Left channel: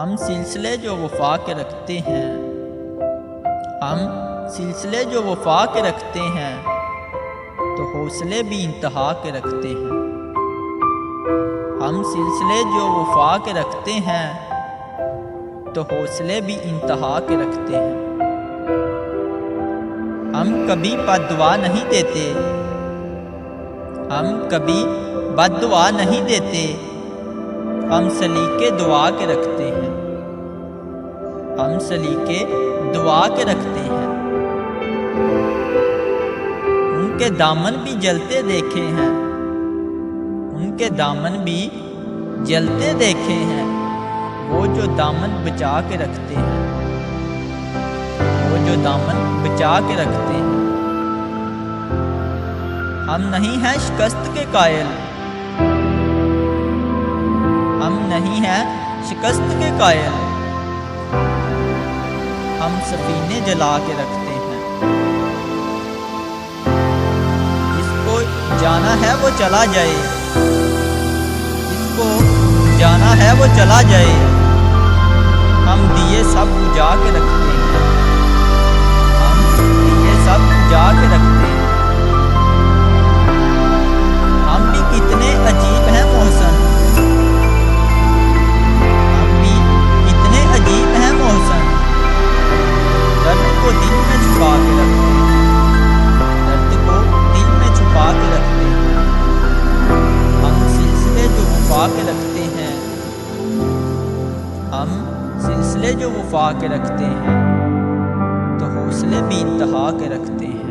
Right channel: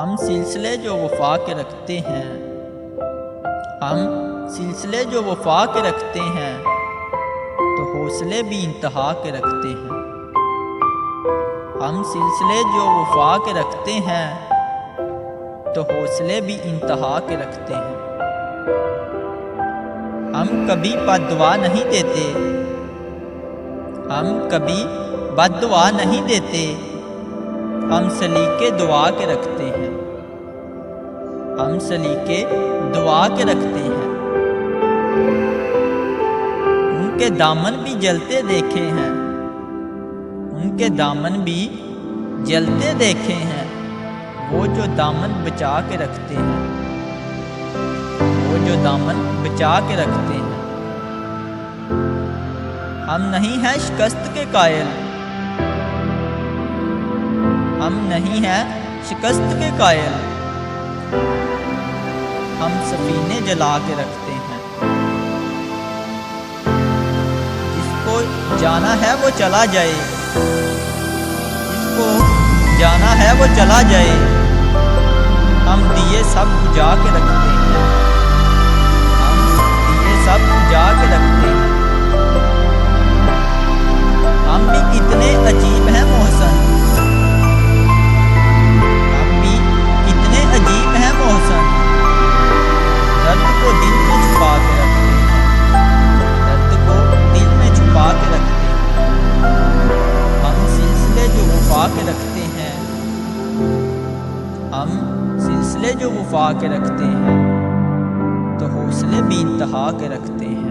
हम सिलसिले जो वफा के रखते हैं, हम सिलसिले जो वफा के रखते हैं, तो हौसले भी इंतहा के रखते हैं। हम सिलसिले जो वफा के रखते हैं, तो हौसले भी इंतहा के रखते हैं। हम कभी बद्दुआ नहीं देते, हम कभी बद्दुआ नहीं देते, हम सलीके दुआ के रखते हैं, हम सलीके दुआ के रखते हैं। उनके दामन भी जलते देखे हैं, उनके दामन भी जलते देखे हैं, वो जो दामन बचा के रखते हैं, वो जो दामन बचा के रखते हैं। हम नहीं हैं शिकस्त के कायल, हम नहीं हैं शिकस्त के कायल, हम सफीने जला के रखते हैं। जिसको जाना है वो चला जाए, जिसको जाना है वो चला जाए, हम दिए सब बुझा के रखते हैं, हम दिए सब बुझा के रखते हैं। हम भी कितने अजीब हैं मोहसन, कितने अजीब हैं मोहसन, दर्द को दिल में छुपा के रखते हैं, दर्द को दिल में छुपा के रखते हैं। हम सिलसिले जो वफा के रखते हैं, हम सिलसिले जो वफा के रखते हैं, तो हौसले भी इंतहा के रखते हैं।